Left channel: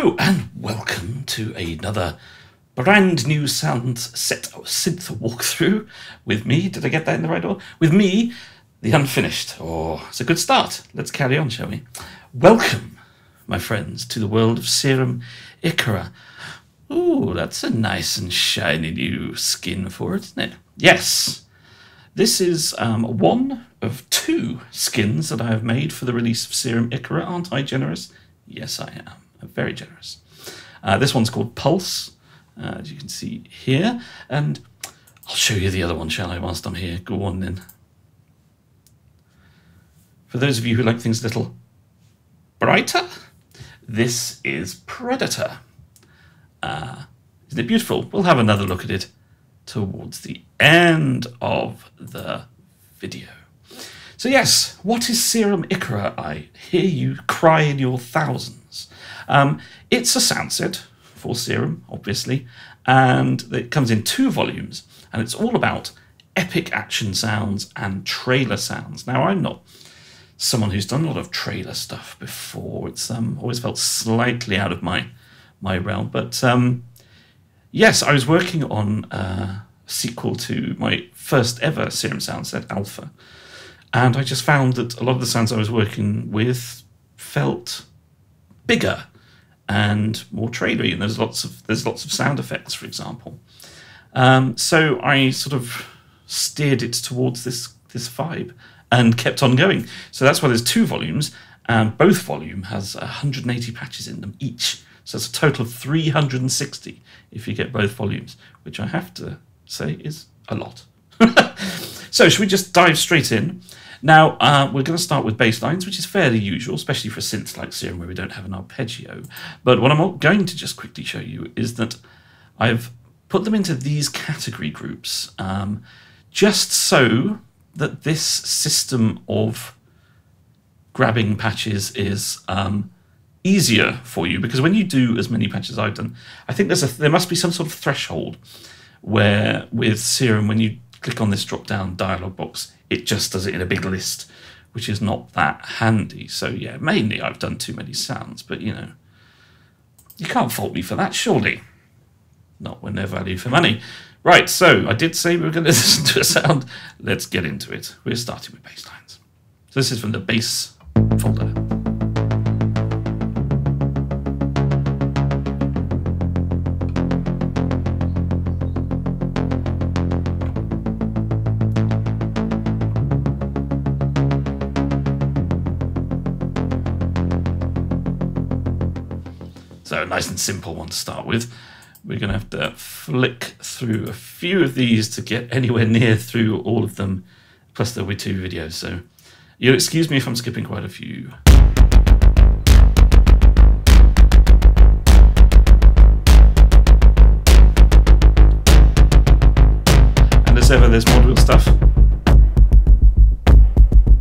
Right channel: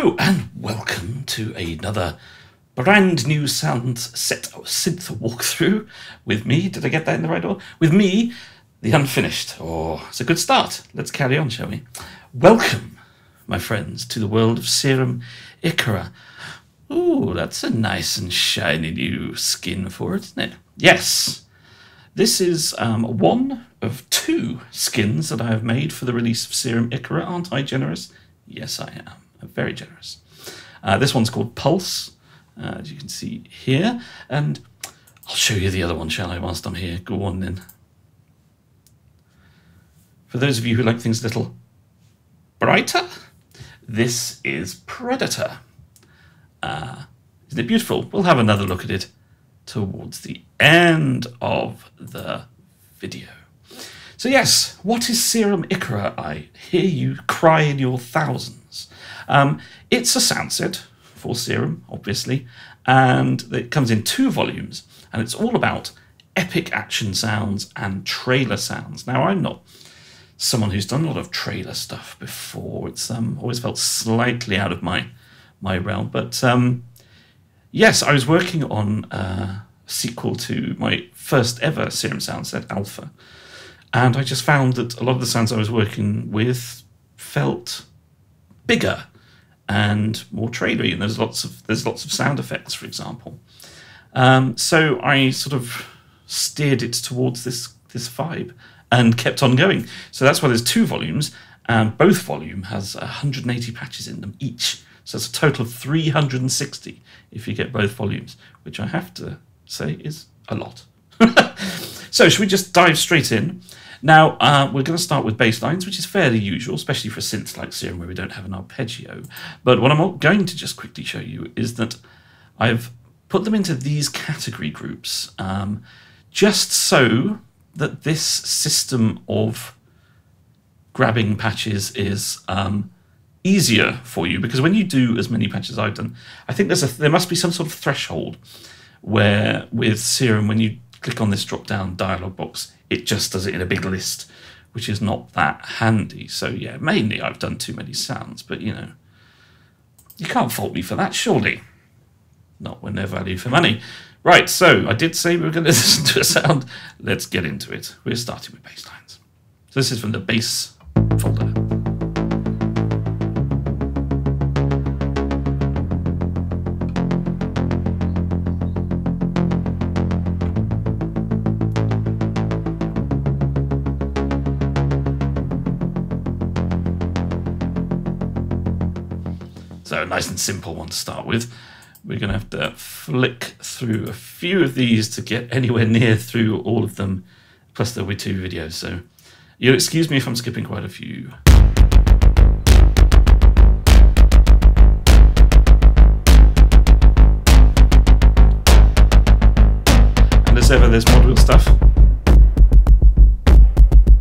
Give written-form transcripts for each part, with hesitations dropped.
Hello and welcome to another brand new Soundset synth walkthrough with me. Did I get that in the right order? With me, the unfinished. Oh, it's a good start. Let's carry on, shall we? Welcome, my friends, to the world of Serum Icara. Ooh, that's a nice and shiny new skin for it, isn't it? Yes. This is one of two skins that I have made for the release of Serum Icara. Aren't I generous? Yes, I am. I'm very generous. This one's called Pulse, as you can see here. And I'll show you the other one, shall I, whilst I'm here? Go on then. For those of you who like things a little brighter, this is Predator. Isn't it beautiful? We'll have another look at it towards the end of the video. So yes, what is Serum Icara? I hear you cry in your thousands. It's a sound set for Serum, obviously, and it comes in 2 volumes, and it's all about epic action sounds and trailer sounds. Now, I'm not someone who's done a lot of trailer stuff before. It's always felt slightly out of my realm, but yes, I was working on a sequel to my first ever Serum sound set, Alpha, and I just found that a lot of the sounds I was working with felt bigger and more trailery, and there's lots of sound effects, for example. So I sort of steered it towards this vibe and kept on going. So that's why there's 2 volumes, and both volume has 180 patches in them each. So it's a total of 360 if you get both volumes, which I have to say is a lot. So should we just dive straight in? Now, we're going to start with Basslines, which is fairly usual, especially for synths like Serum where we don't have an arpeggio. But what I'm going to just quickly show you is that I've put them into these category groups just so that this system of grabbing patches is easier for you, because when you do as many patches as I've done, I think there must be some sort of threshold where with Serum, when you click on this drop-down dialog box, it just does it in a big list, which is not that handy. So yeah, mainly I've done too many sounds, but you know, you can't fault me for that, surely. Not when they're value for money. Right, so I did say we were going to listen to a sound. Let's get into it. We're starting with Basslines. So this is from the bass folder. So a nice and simple one to start with. We're going to have to flick through a few of these to get anywhere near through all of them. Plus there'll be 2 videos, so you'll excuse me if I'm skipping quite a few. And as ever, there's module stuff.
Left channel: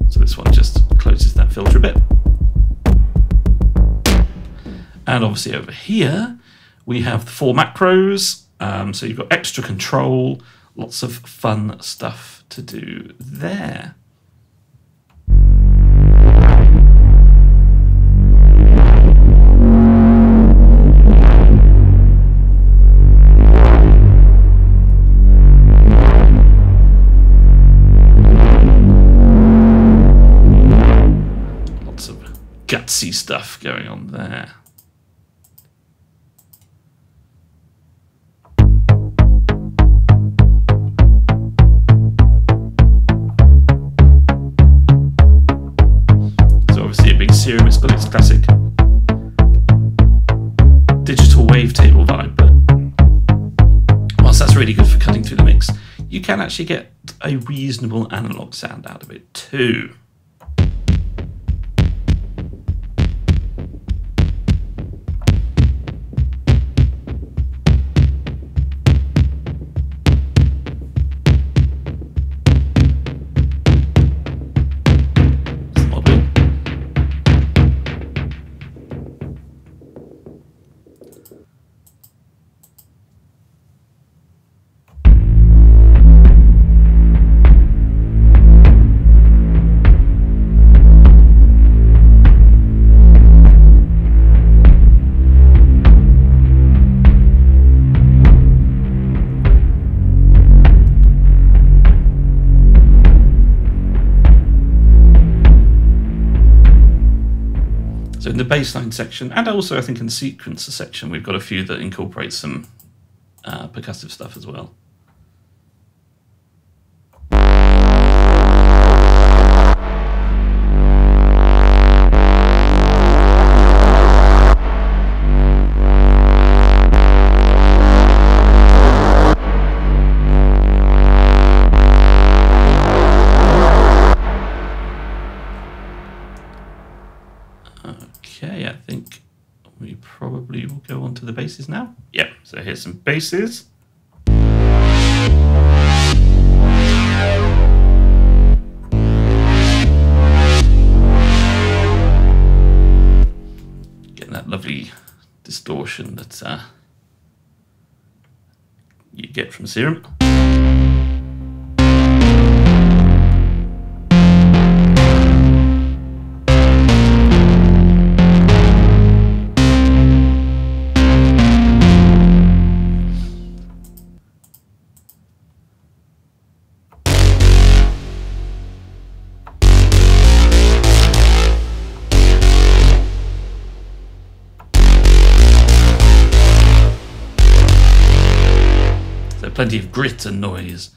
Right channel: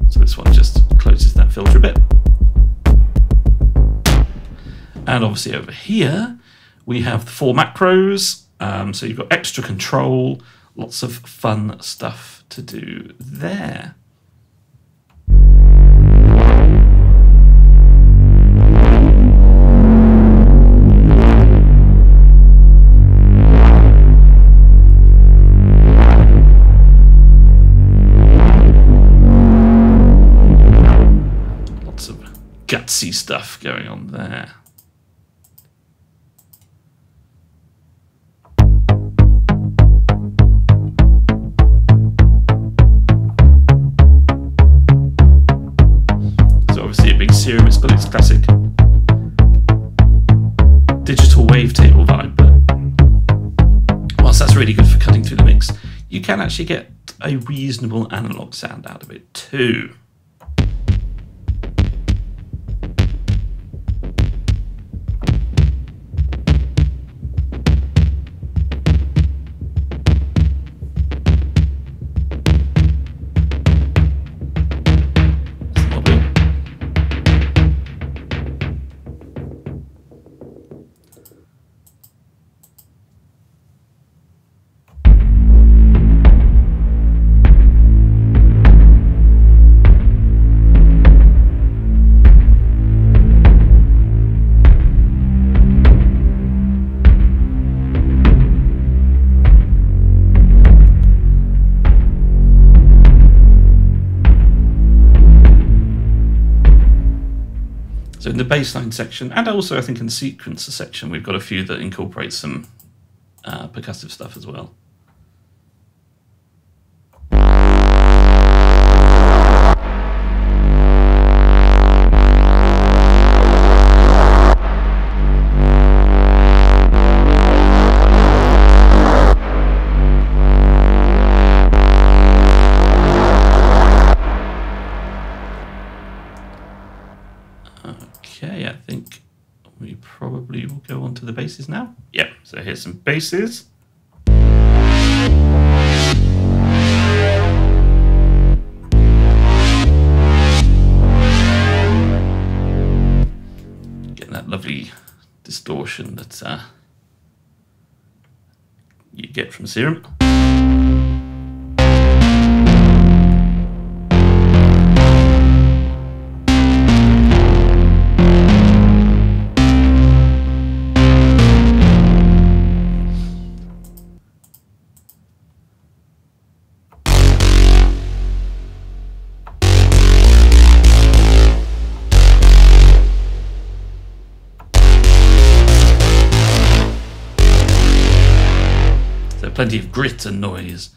So this one just closes that filter a bit. And obviously over here, we have the 4 macros. So you've got extra control, lots of fun stuff to do there. Lots of gutsy stuff going on there. Obviously a big Serum, it's got its classic digital wavetable vibe, but whilst that's really good for cutting through the mix, you can actually get a reasonable analog sound out of it too. in the bassline section, and also I think in the sequencer section, we've got a few that incorporate some percussive stuff as well. Okay, I think we probably will go on to the basses now. Yep, so here's some basses. Getting that lovely distortion that you get from Serum. Plenty of grit and noise.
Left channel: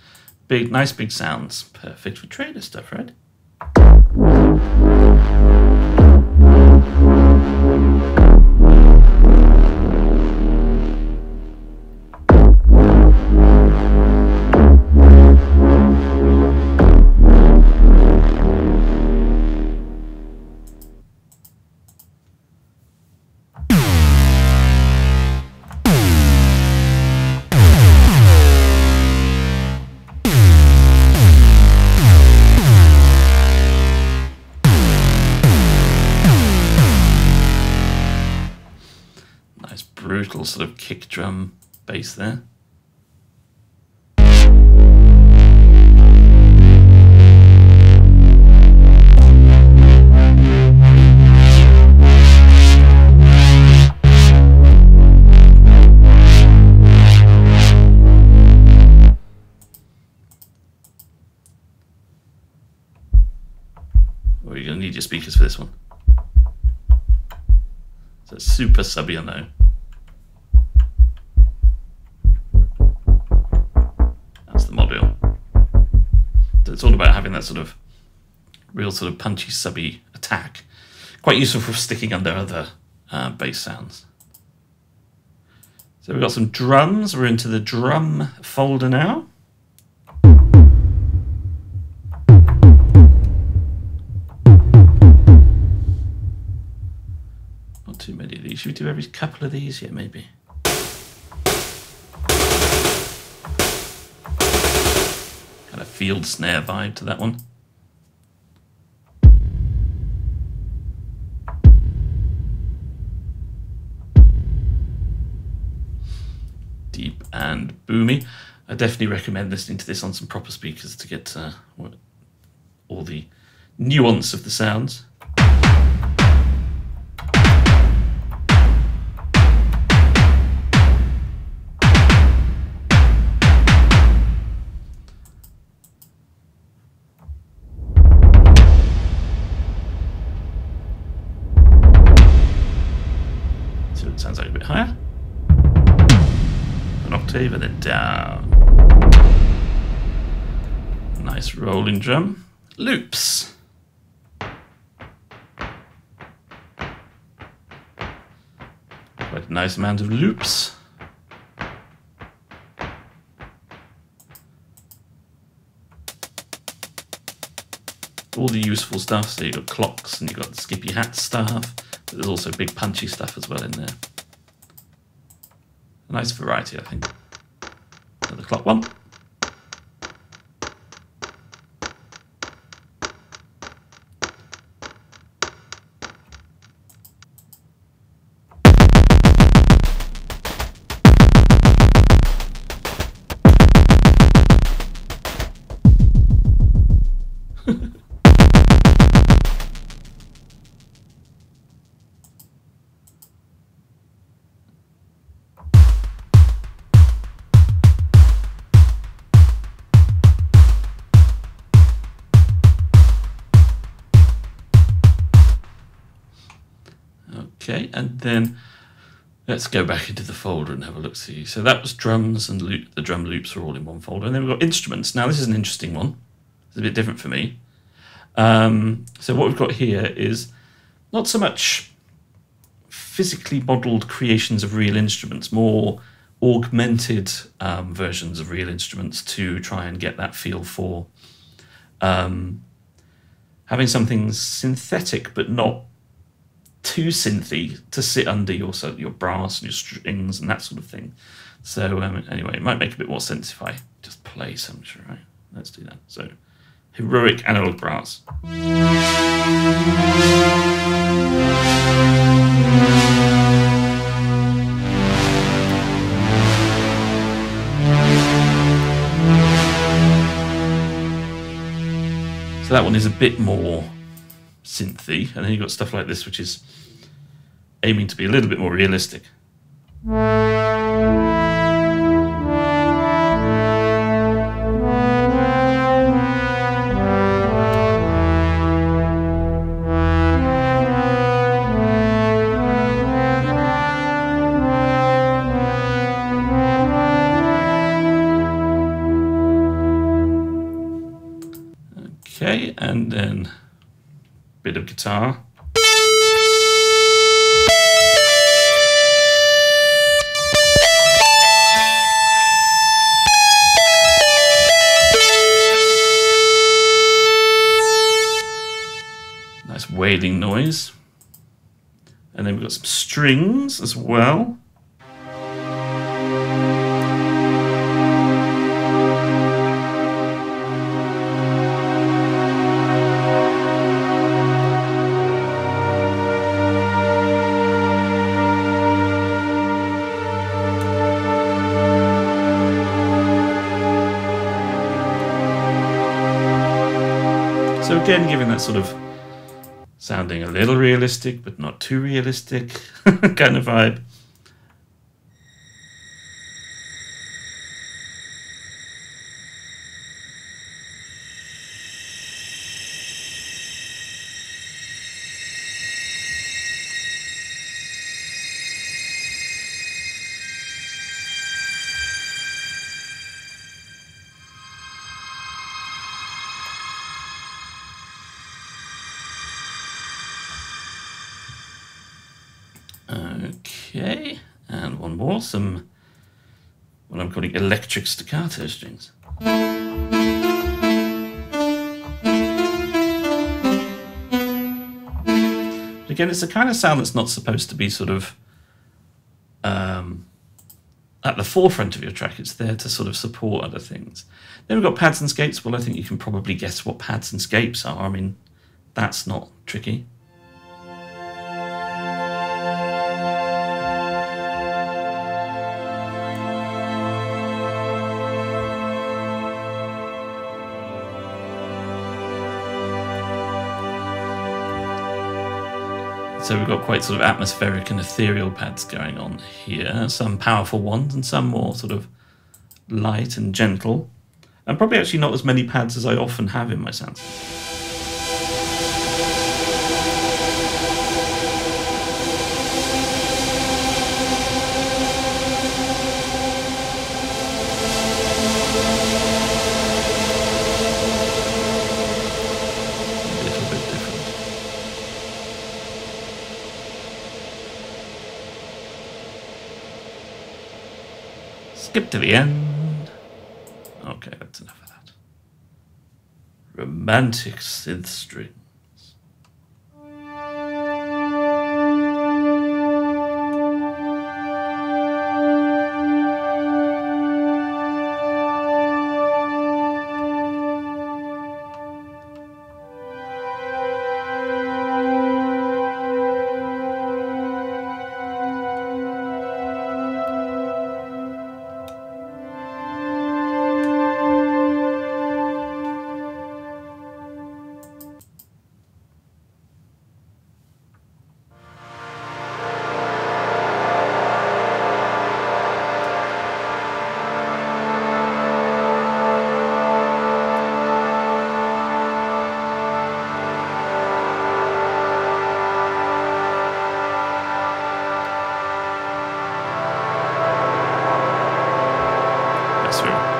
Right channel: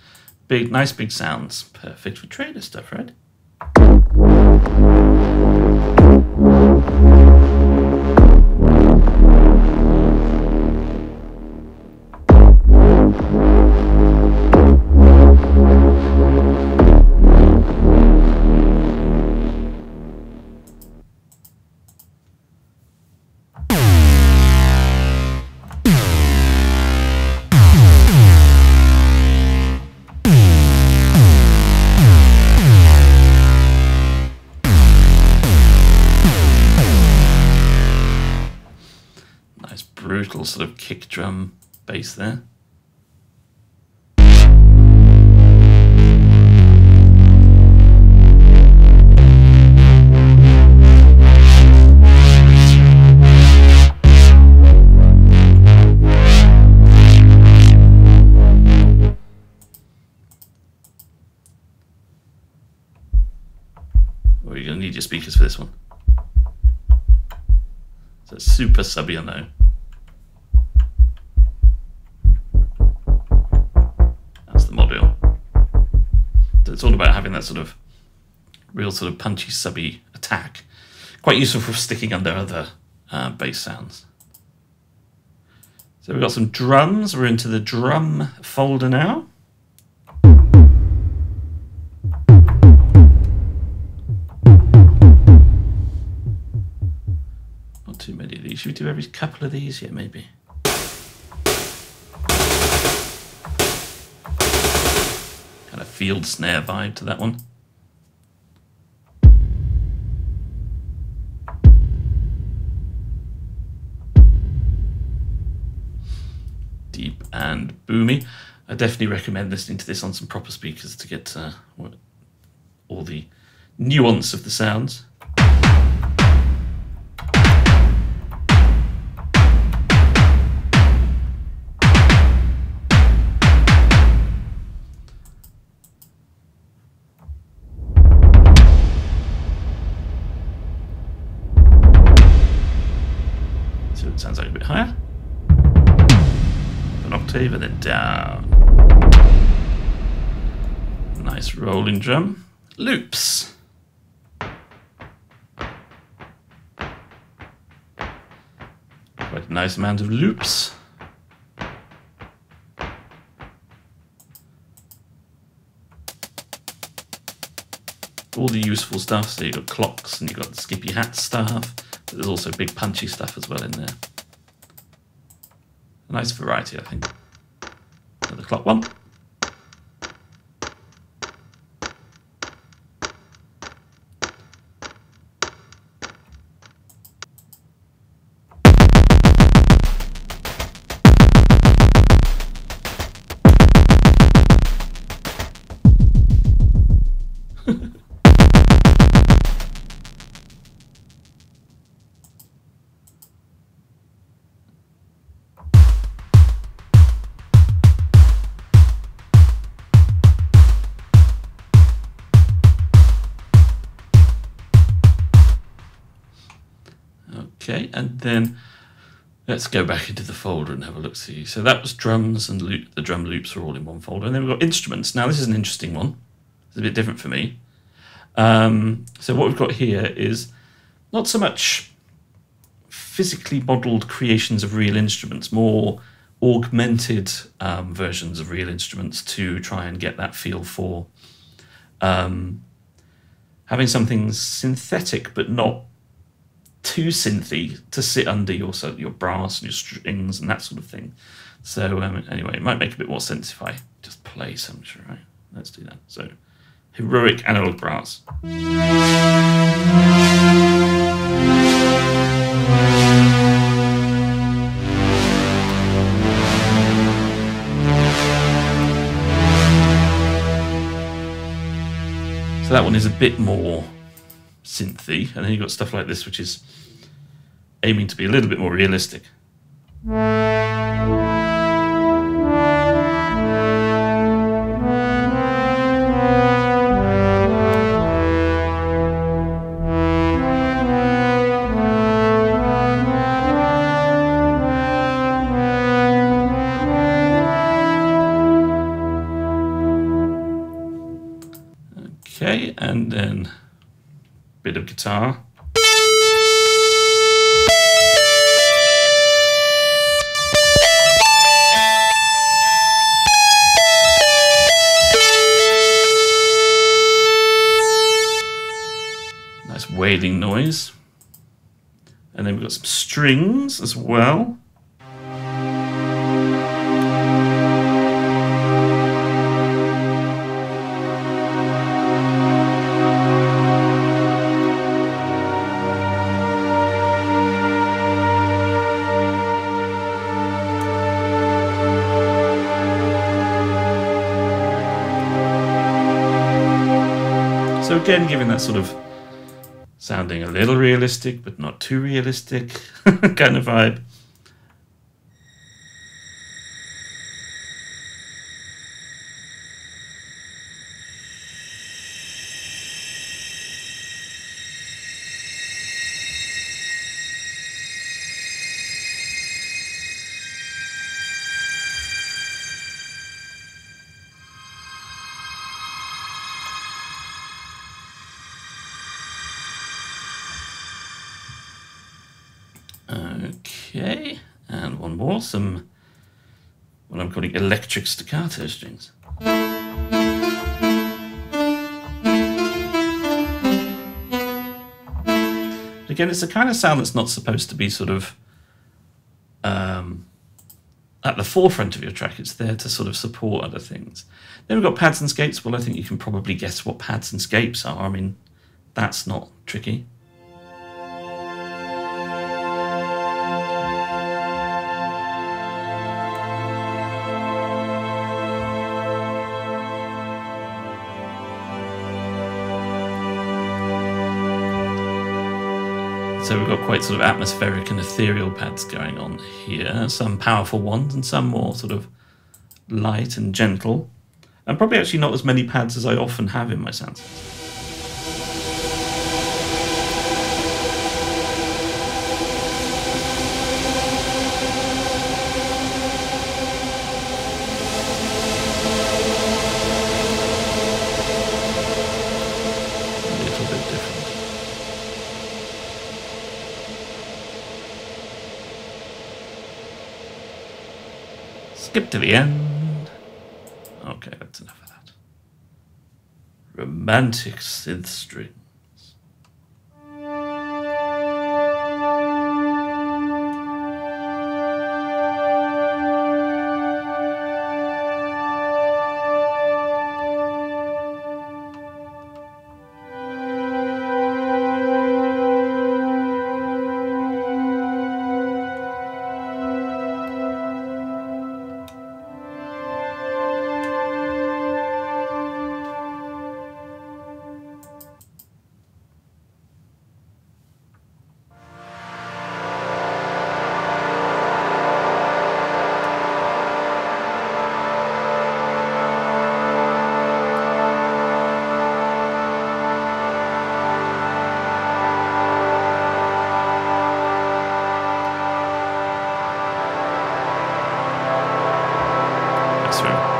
Big, nice big sounds. Perfect for trader stuff, right? Brutal sort of kick drum bass there. Well, you're going to need your speakers for this one. So it's super subby, I know. It's all about having that sort of real sort of punchy, subby attack. Quite useful for sticking under other bass sounds. So we've got some drums. We're into the drum folder now. Not too many of these. Should we do every couple of these? Yeah, maybe. Kind of field snare vibe to that one. Deep and boomy. I definitely recommend listening to this on some proper speakers to get all the nuance of the sounds. So it sounds like a bit higher. An octave and then down. Nice rolling drum. Loops. Quite a nice amount of loops. All the useful stuff, so you've got clocks and you've got the skippy hat stuff, but there's also big punchy stuff as well in there. A nice variety, I think. Another clock one. Okay, and then let's go back into the folder and have a look. See, so that was drums and the drum loops are all in one folder, and then we've got instruments. Now this is an interesting one. It's a bit different for me. So what we've got here is not so much physically modelled creations of real instruments, more augmented versions of real instruments to try and get that feel for having something synthetic but not too synthy to sit under your brass and your strings and that sort of thing. So anyway, it might make a bit more sense if I just play some, right? Let's do that. So heroic analog brass. So that one is a bit more synthy, and then you've got stuff like this, which is aiming to be a little bit more realistic. Okay, and then a bit of guitar. Nice wailing noise. And then we've got some strings as well. So again, giving that sort of sounding a little realistic, but not too realistic kind of vibe. Okay, and one more, some what I'm calling electric staccato strings. But again, it's a kind of sound that's not supposed to be sort of at the forefront of your track. It's there to sort of support other things. Then we've got pads and scapes. Well, I think you can probably guess what pads and scapes are. I mean, that's not tricky. So we've got quite sort of atmospheric and ethereal pads going on here. Some powerful ones and some more sort of light and gentle. And probably actually not as many pads as I often have in my soundsets. It's a little bit different. Skip to the end. Okay, that's enough of that. Romantic synth string.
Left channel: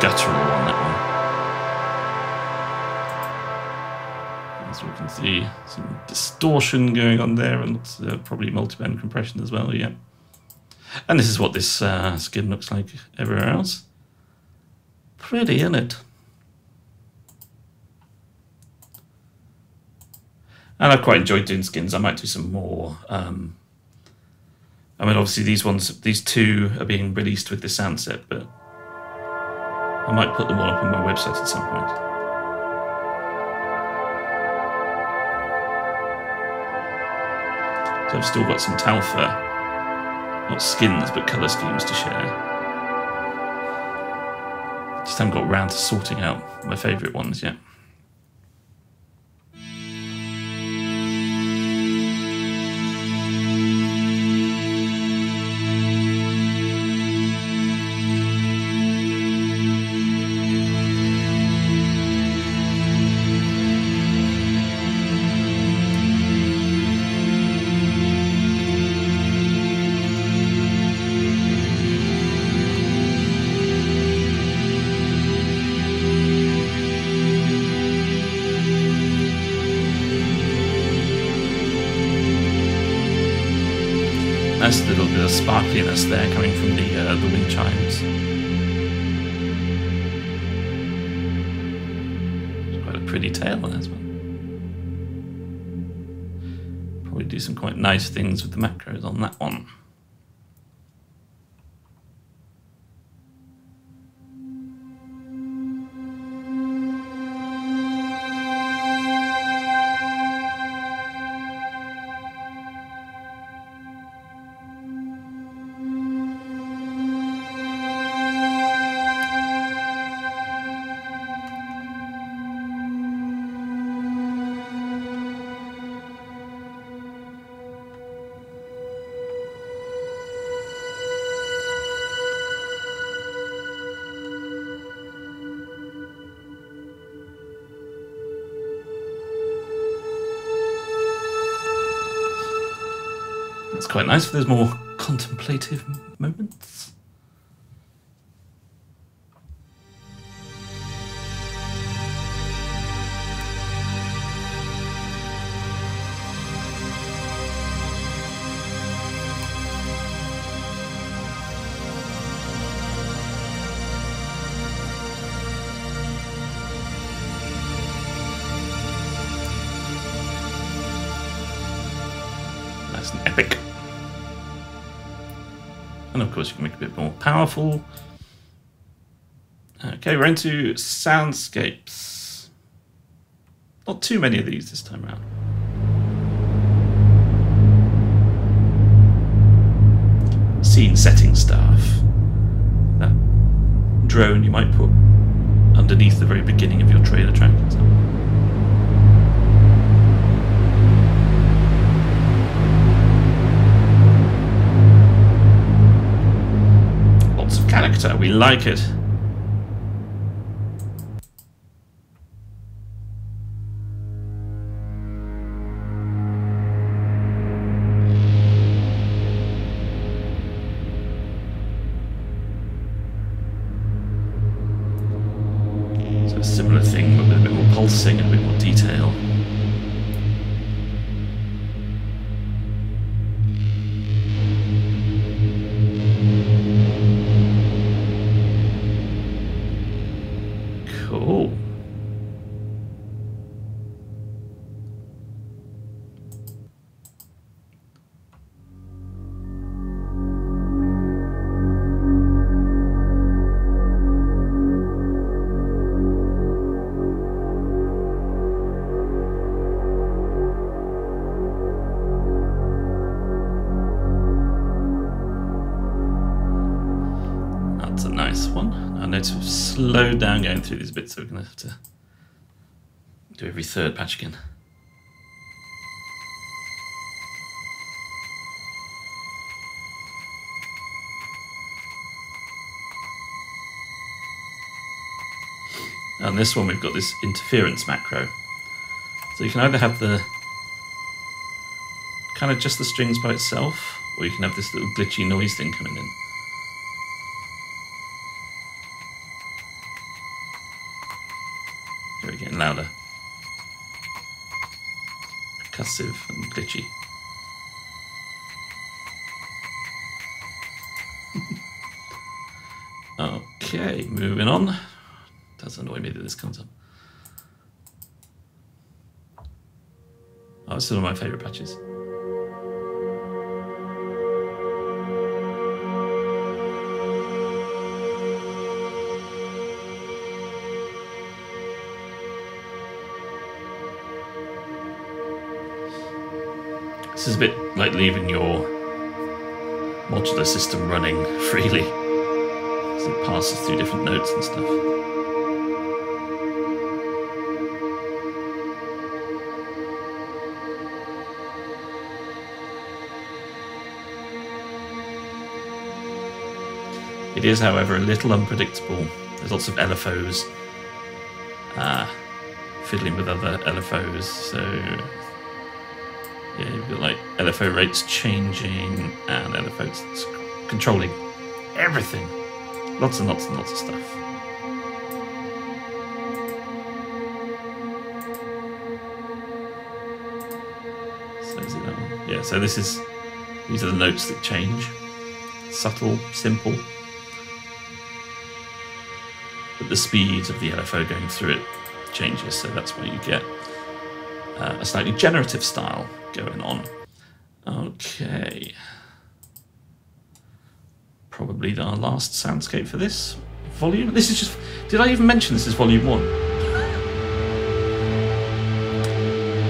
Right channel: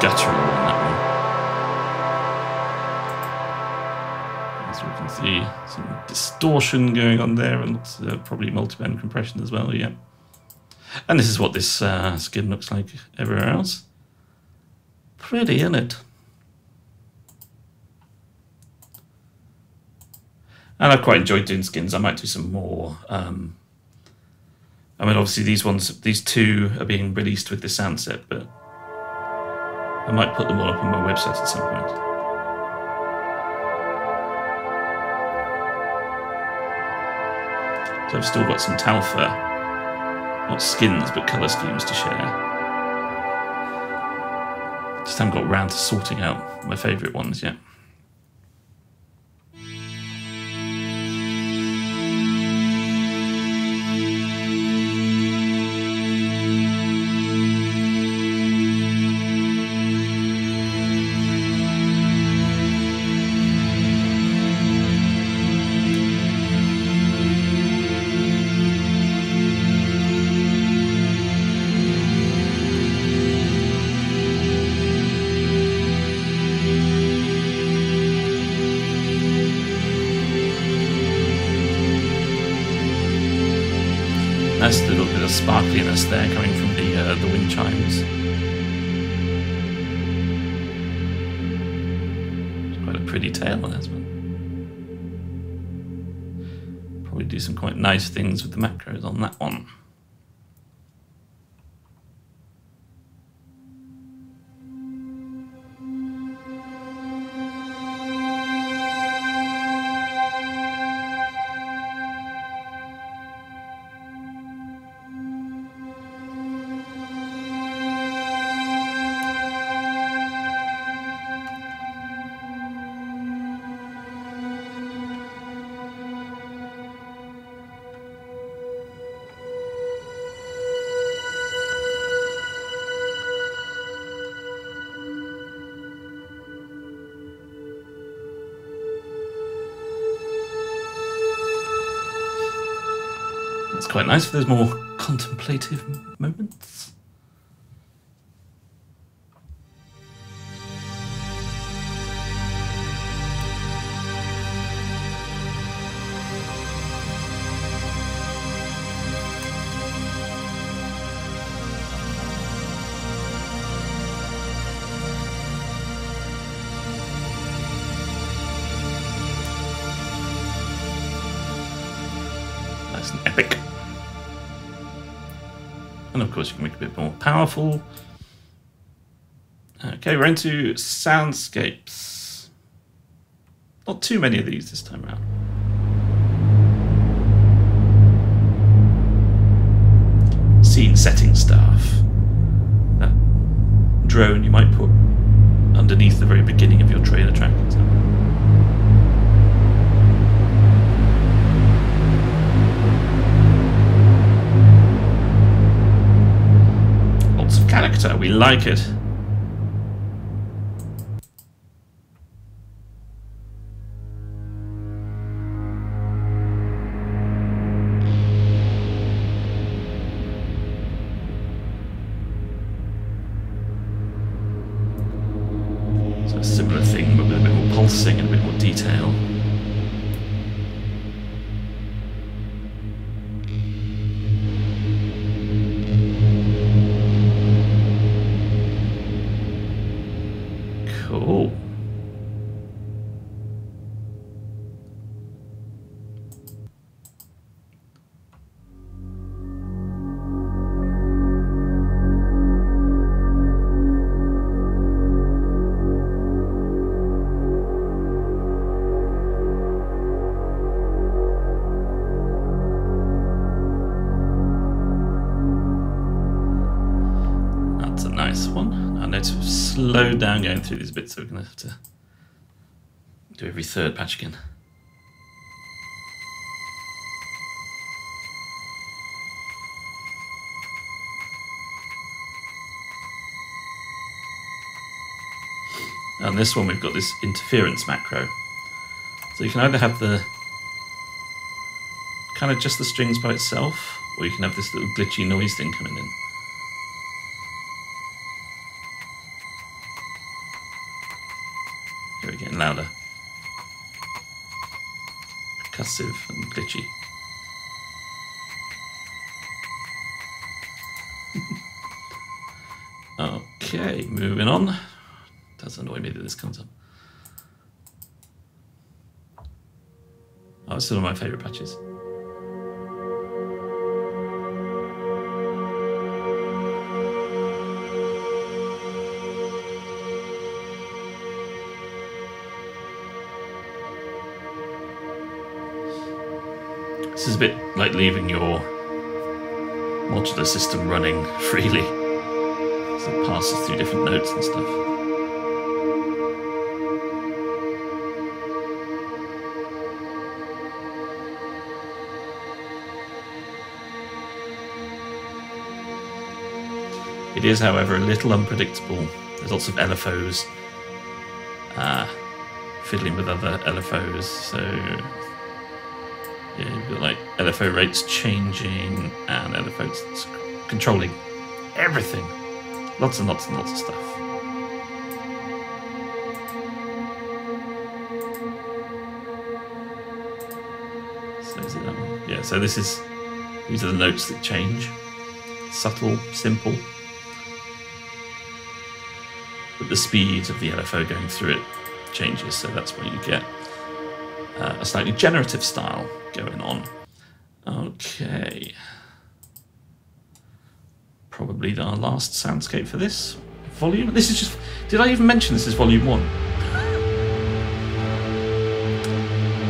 guttural on that one. As we can see, some distortion going on there, and lots of, probably multiband compression as well, yeah. And this is what this skin looks like everywhere else. Pretty, isn't it? And I've quite enjoyed doing skins. I might do some more. I mean, obviously these two are being released with the Soundset, but I might put them all up on my website at some point. So I've still got some Talfa, not skins, but colour schemes to share. Just haven't got around to sorting out my favourite ones yet. Nice little bit of sparkliness there coming from the wind chimes. It's quite a pretty tail on this one. Probably do some quite nice things with the macros on that one. It's quite nice if there's more contemplative moments. Nice and epic. And of course you can make it a bit more powerful. Okay, we're into Soundscapes. Not too many of these this time around. Scene setting stuff. That drone you might put underneath the very beginning of your trailer track, for example. Character, we like it. So a similar thing, but with a bit more pulsing and a bit more detail. Cool. That's a nice one. I know to slow down going through these bits, so we're going to have to do every third patch again. On this one we've got this interference macro. So you can either have the kind of just the strings by itself, or you can have this little glitchy noise thing coming in. Here we're getting louder. Percussive and glitchy. Okay, moving on. Does annoy me that this comes up. Oh, it's still one of my favourite patches. This is a bit like leaving your modular system running freely, so it passes through different notes and stuff. It is, however, a little unpredictable. There's lots of LFOs fiddling with other LFOs, so yeah, you've got like LFO rates changing and LFOs controlling everything. Lots and lots and lots of stuff. So is it that one? Yeah, so these are the notes that change. Subtle, simple. But the speed of the LFO going through it changes, so that's where you get a slightly generative style going on. Okay. Probably our last soundscape for this volume. This is just... Did I even mention this is volume 1?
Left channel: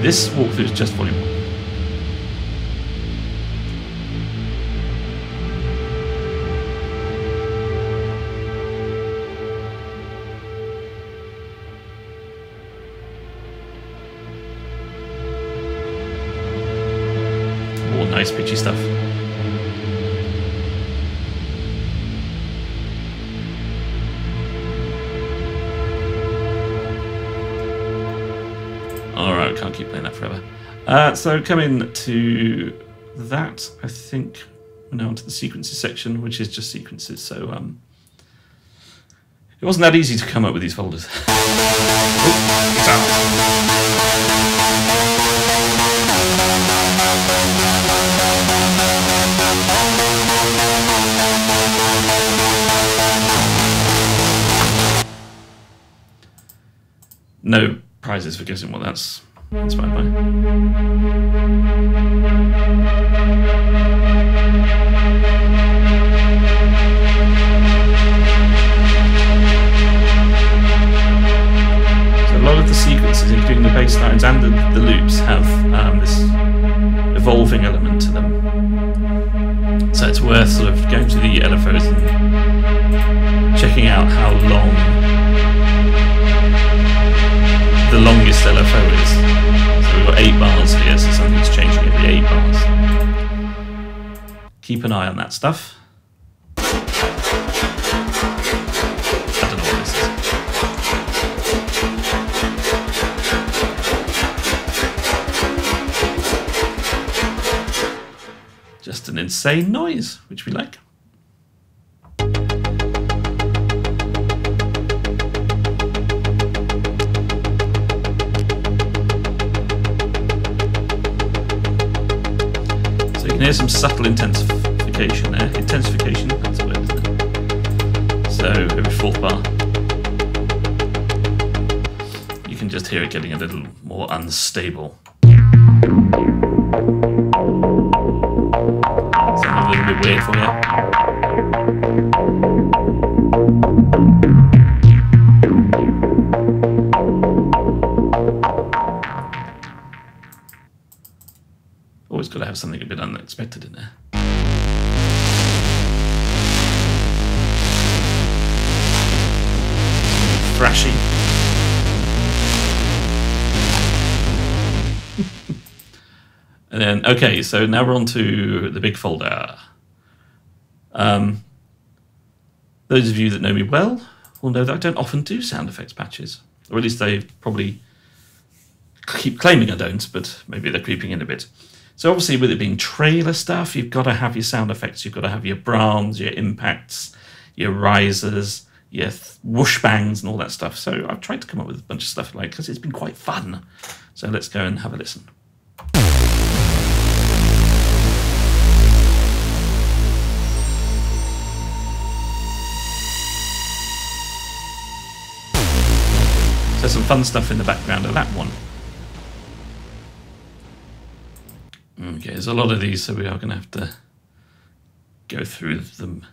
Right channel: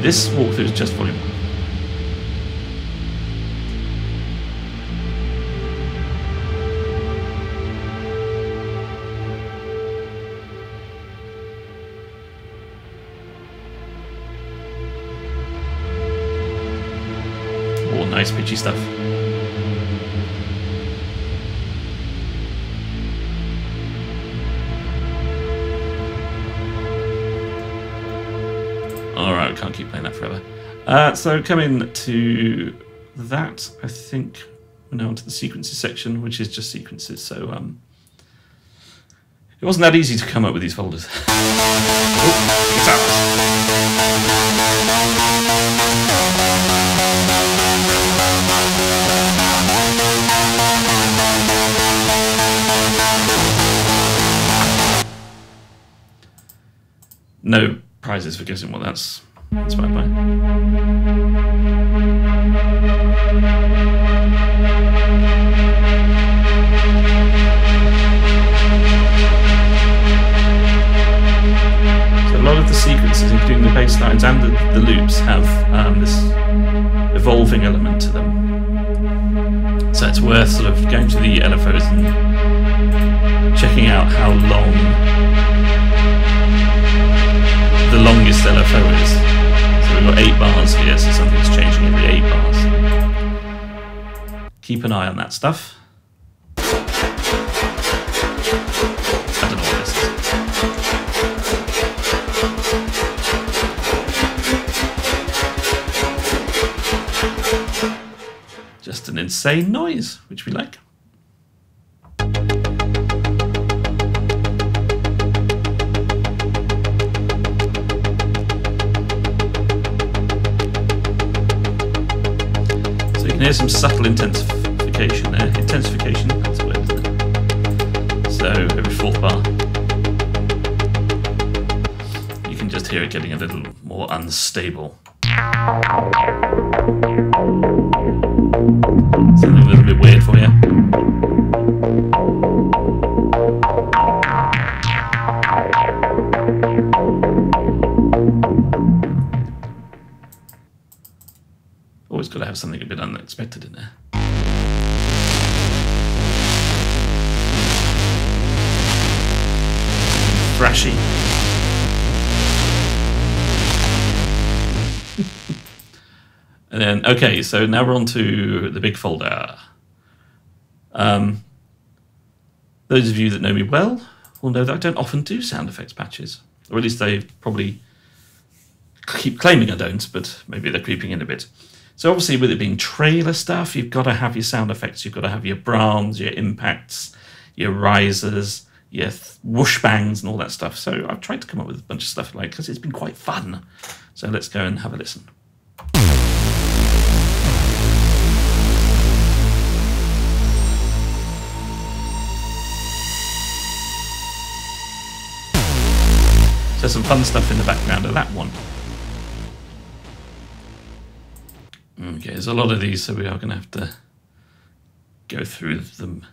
This walkthrough is just volume 1. All nice pitchy stuff. Alright, we can't keep playing that forever. So coming to that, I think we're now onto the sequences section, which is just sequences. So it wasn't that easy to come up with these folders. Oh, guitars! No prizes for guessing what that's inspired by. So a lot of the sequences, including the bass lines and the loops, have this evolving element to them. So it's worth sort of going to the LFOs and checking out how long the longest LFO is. So we've got 8 bars here, so something's changing every 8 bars. Keep an eye on that stuff. I don't know what this is. Just an insane noise, which we like. Here's some subtle intensification there. Intensification, that's the word, isn't it? So every 4th bar, you can just hear it getting a little more unstable. Something a little bit weird for you. Always got to have something a bit unexpected in there. Something thrashy. And then, okay, so now we're on to the big folder. Those of you that know me well will know that I don't often do sound effects patches, or at least they probably keep claiming I don't, but maybe they're creeping in a bit. So obviously with it being trailer stuff, you've got to have your sound effects, you've got to have your Brahms, your impacts, your risers, yes, whoosh bangs and all that stuff. So I've tried to come up with a bunch of stuff like, because it's been quite fun. So let's go and have a listen. So some fun stuff in the background of that one. Okay, there's a lot of these, so we are going to have to go through them.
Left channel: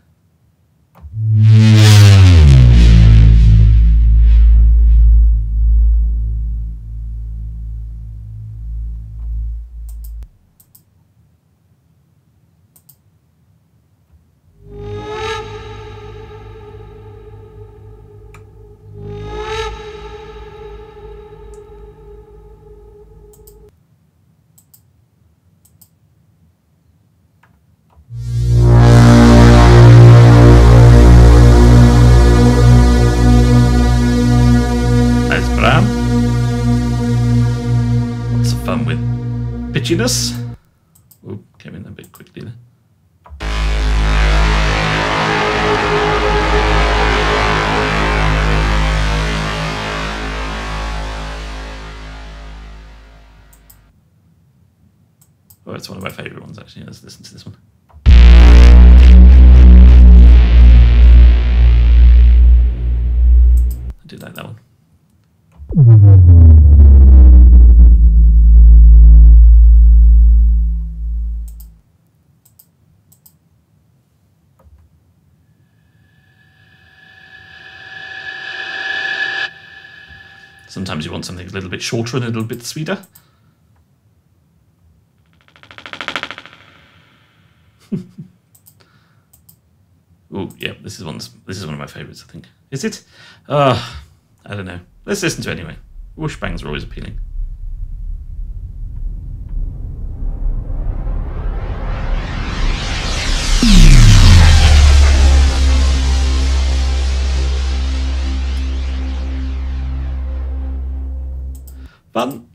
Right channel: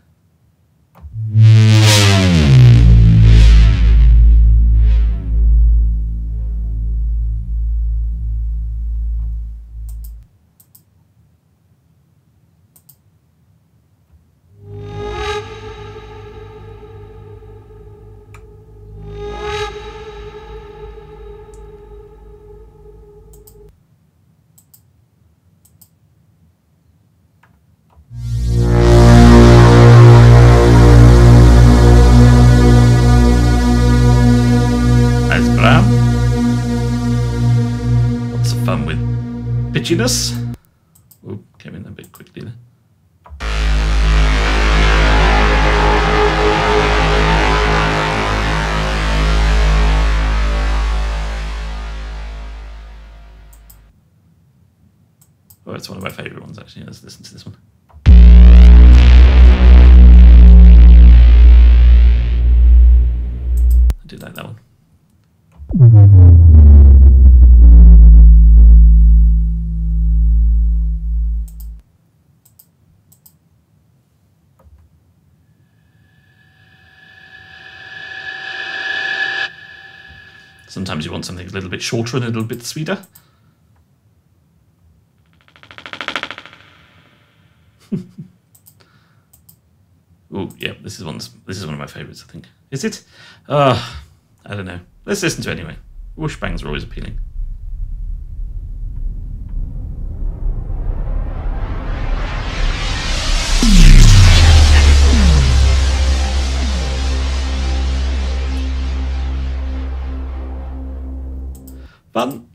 Lots of fun with pitchiness. Oh, came in a bit quickly there. Oh, it's one of my favourite ones actually. Let's listen to this one. I do like that one. Sometimes you want something a little bit shorter and a little bit sweeter. Oh, yeah, this is one of my favourites, I think. Is it? I don't know. Let's listen to it anyway. Whoosh bangs are always appealing. Fun.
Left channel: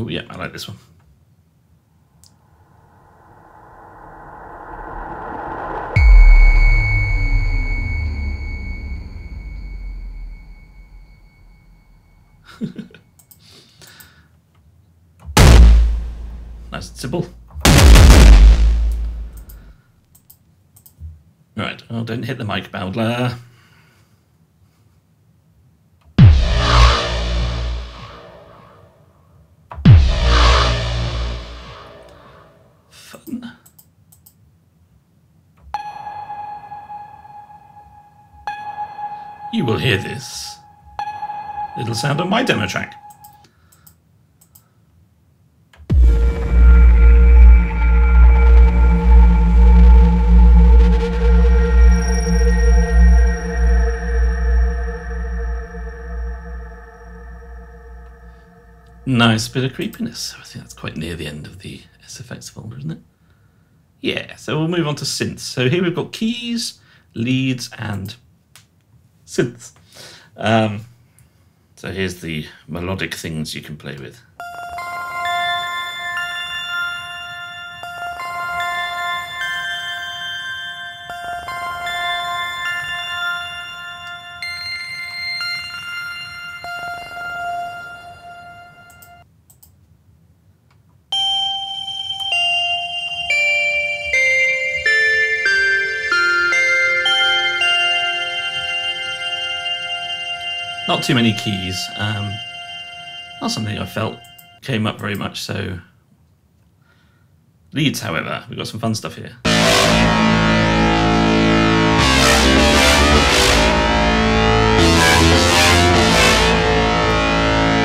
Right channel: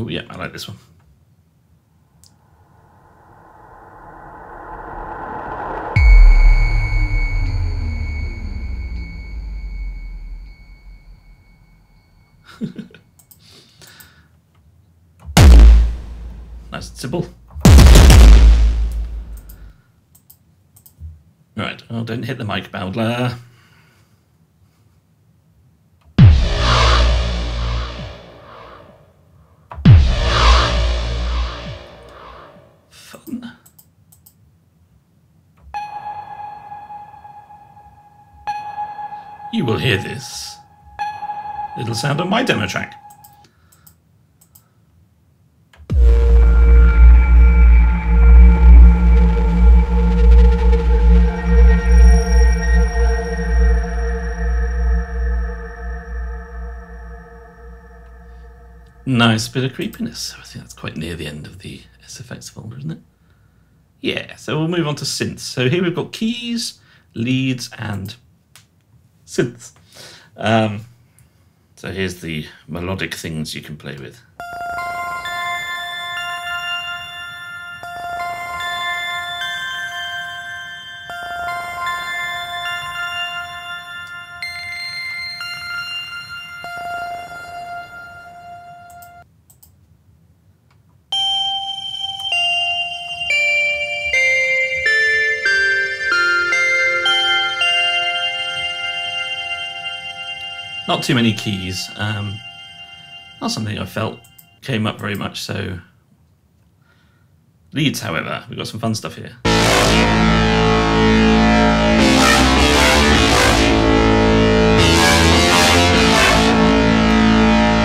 Oh yeah, I like this one. Nice and simple. Right, oh, don't hit the mic, Bowdler. Fun. You will hear this. It'll sound on my demo track. Nice bit of creepiness. I think that's quite near the end of the SFX folder, isn't it? Yeah, so we'll move on to synths. So here we've got keys, leads, and synths. So here's the melodic things you can play with. Not too many keys. Not something I felt came up very much, so... Leads, however, we've got some fun stuff here.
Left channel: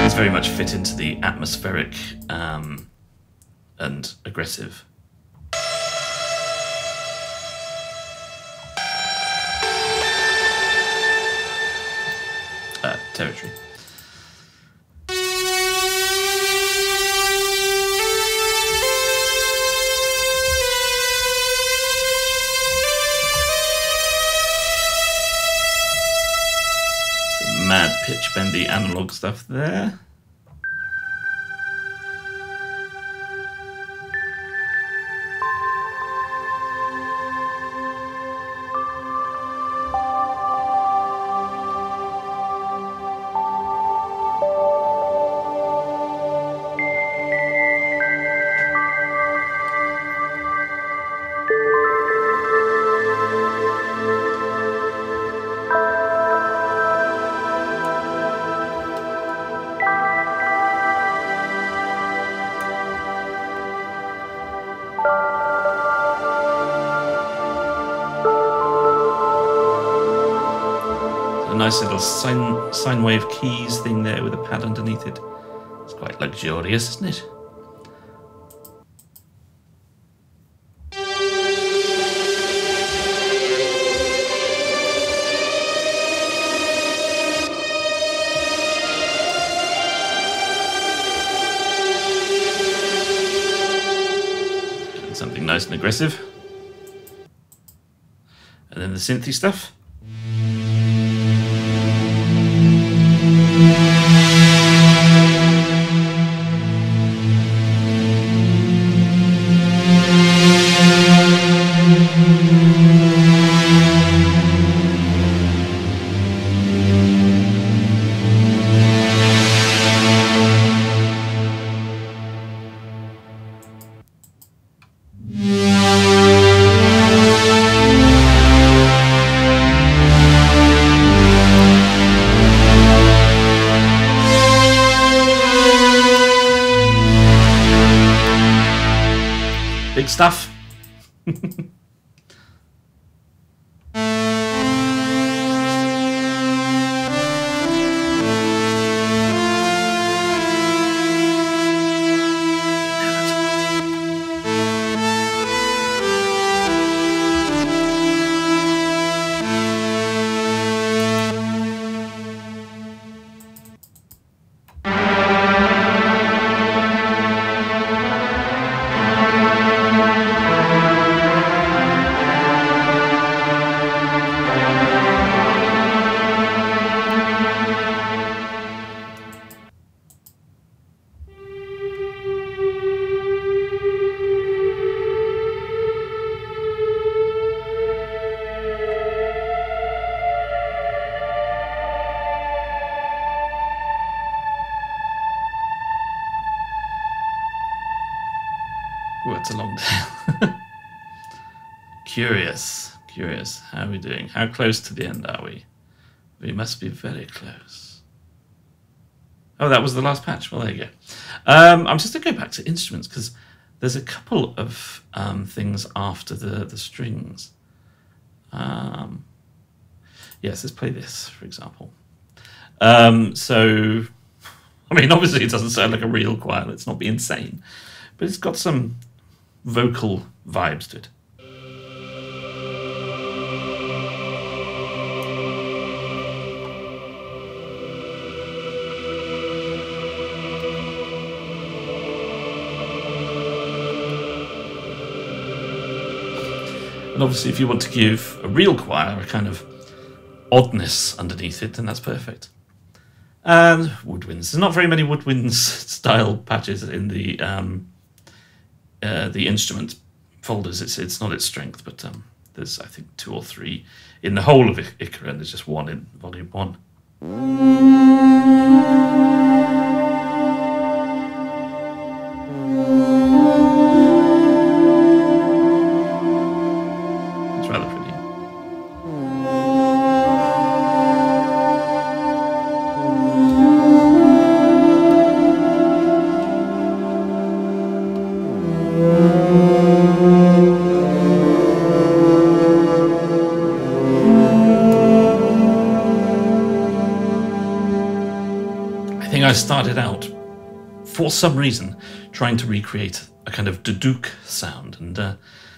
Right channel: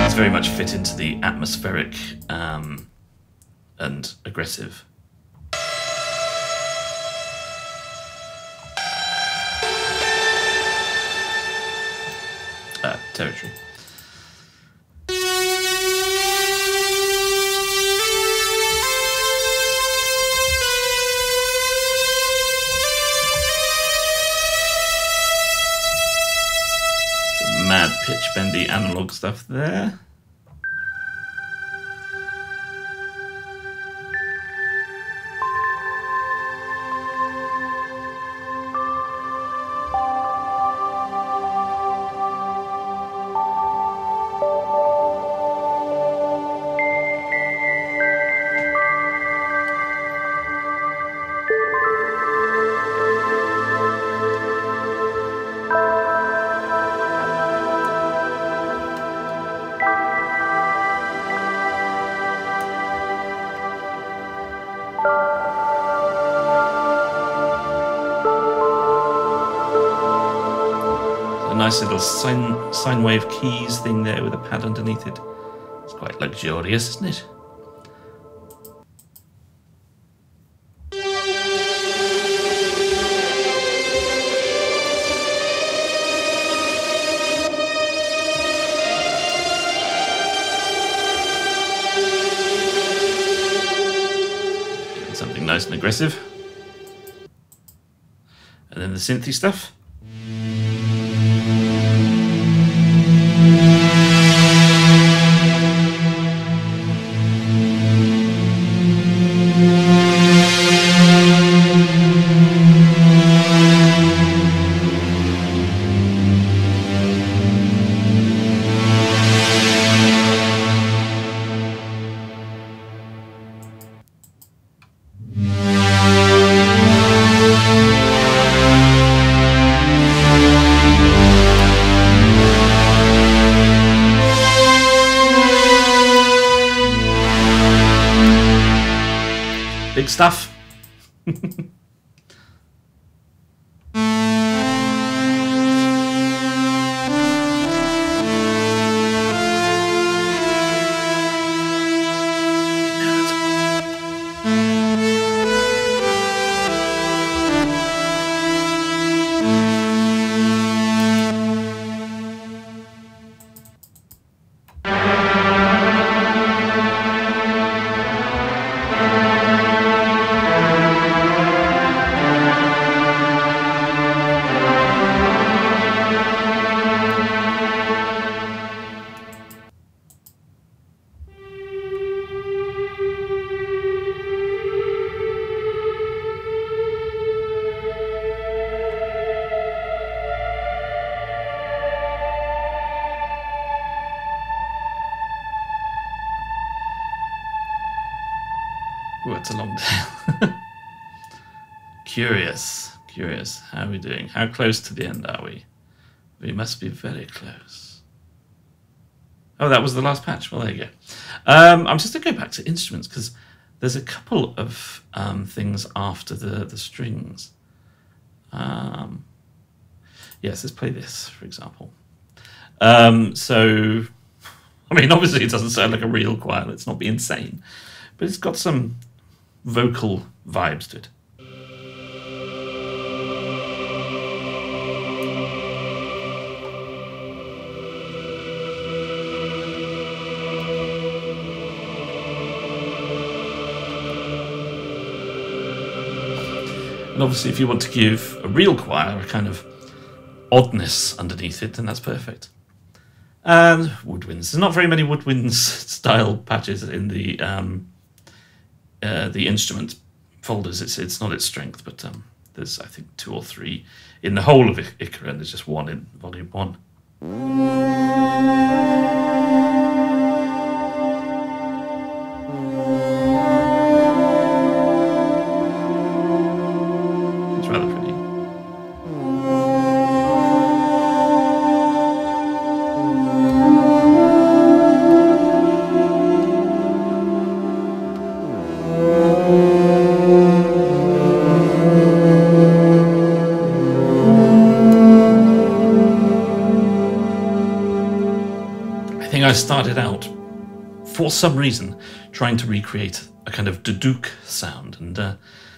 These very much fit into the atmospheric and aggressive. Territory. add pitch bendy analog stuff there. A nice little sine wave keys thing there with a pad underneath it. It's quite luxurious, isn't it? Getting something nice and aggressive. And then the synthy stuff. Big stuff. Oh, it's a long tail. Curious. How are we doing? How close to the end are we? We must be very close. Oh, that was the last patch. Well, there you go. I'm just going to go back to instruments because there's a couple of things after the strings. Yes, let's play this, for example. So, I mean, obviously it doesn't sound like a real choir. Let's not be insane. But it's got some vocal vibes to it. And obviously if you want to give a real choir a kind of oddness underneath it, then that's perfect. And woodwinds. There's not very many woodwinds style patches in the instrument folders. It's not its strength, but there's I think 2 or 3 in the whole of Icara, and there's just 1 in Volume 1. It's rather pretty. I started out, for some reason, trying to recreate a kind of duduk sound, and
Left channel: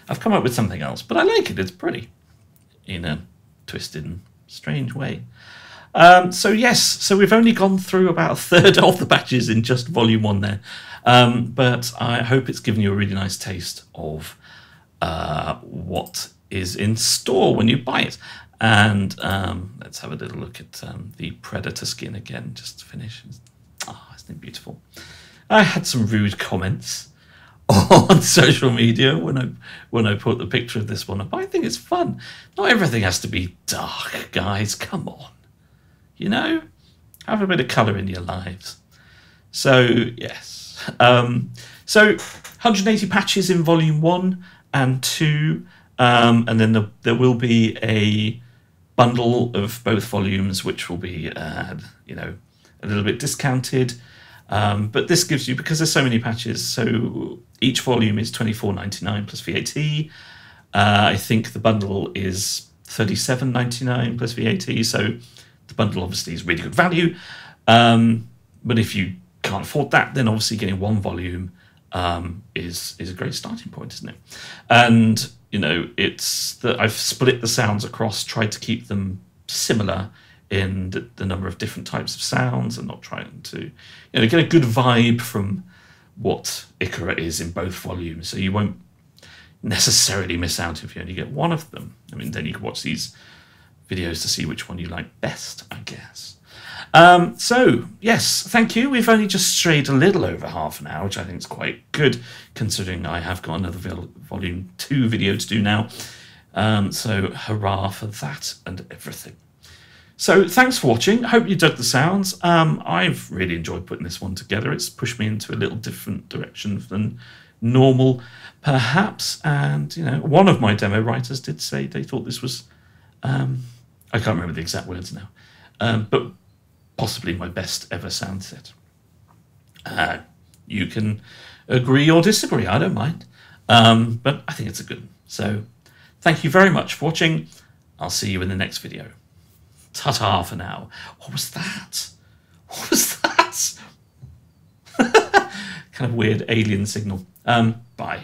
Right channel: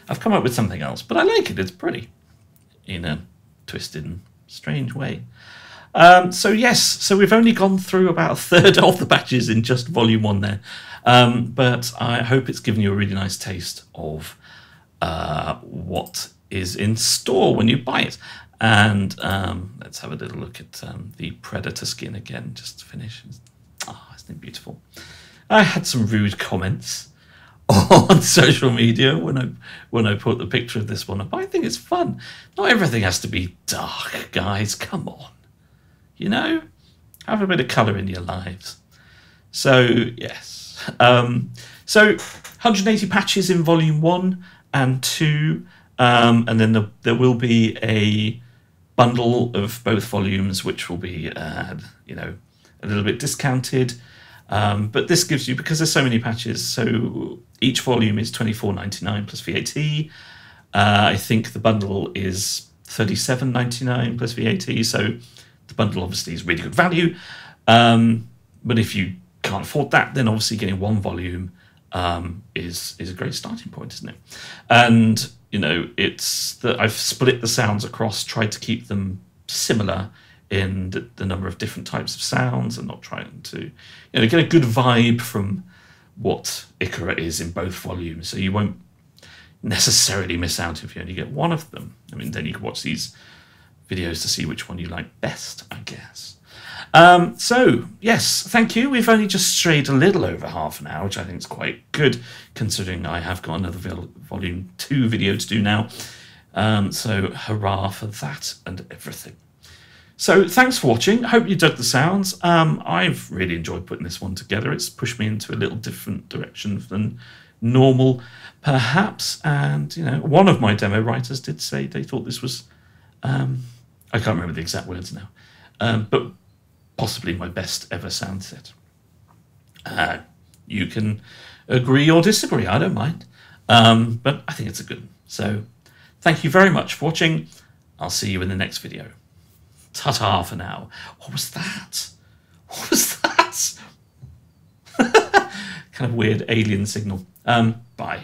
I've come up with something else, but I like it. It's pretty, in a twisted, strange way. So yes, so we've only gone through about a third of the batches in just Volume 1 there, but I hope it's given you a really nice taste of what is in store when you buy it. And let's have a little look at the Predator skin again, just to finish. Oh, isn't it beautiful? I had some rude comments on social media when I put the picture of this one up. I think it's fun. Not everything has to be dark, guys. Come on. You know? Have a bit of colour in your lives. So, yes. So, 180 patches in Volume 1 and 2. And then there will be a bundle of both volumes, which will be, you know, a little bit discounted. But this gives you, because there's so many patches, so each volume is $24.99 plus VAT. I think the bundle is $37.99 plus VAT. So the bundle obviously is really good value. But if you can't afford that, then obviously getting one volume is a great starting point, isn't it? And you know, it's that I've split the sounds across, tried to keep them similar in the number of different types of sounds, and not trying to, you know, get a good vibe from what Icara is in both volumes. So you won't necessarily miss out if you only get one of them. I mean, then you can watch these videos to see which one you like best, I guess. So, yes, thank you. We've only just strayed a little over half an hour, which I think is quite good, considering I have got another Volume 2 video to do now. So, hurrah for that and everything. So, thanks for watching. I hope you dug the sounds. I've really enjoyed putting this one together. It's pushed me into a little different direction than normal, perhaps. And, you know, one of my demo writers did say they thought this was, I can't remember the exact words now, but possibly my best ever sound set. You can agree or disagree, I don't mind. But I think it's a good one. So thank you very much for watching. I'll see you in the next video. Ta-ta for now. What was that? What was that? Kind of weird alien signal. Bye.